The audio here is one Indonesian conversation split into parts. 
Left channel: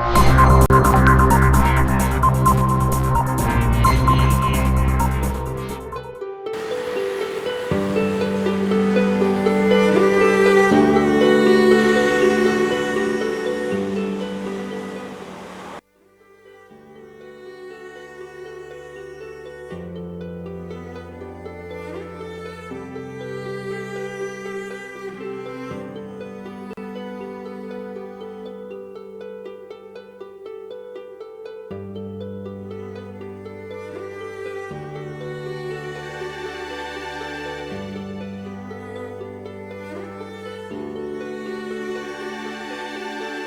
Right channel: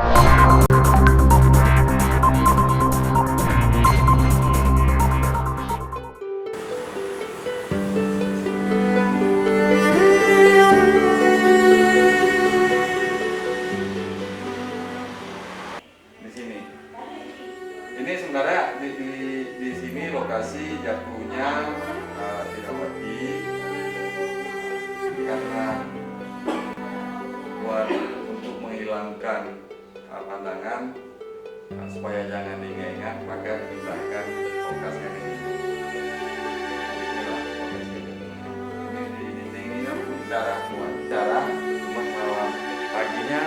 Ini sebenarnya di sini lokasi jatuhnya dirawati karena buat untuk menghilangkan pandangan supaya jangan diingat, maka kita akan lokasi ini. Ini cara kakinya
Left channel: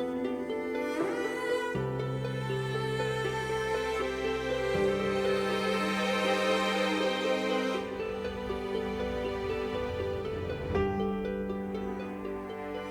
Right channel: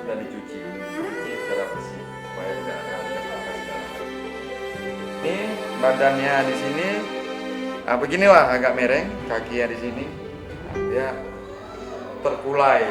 sudah dicuci secara bersih supaya jangan ini badannya di sini. Nah, beginilah agak mereng kakinya di sini, ya terkulai.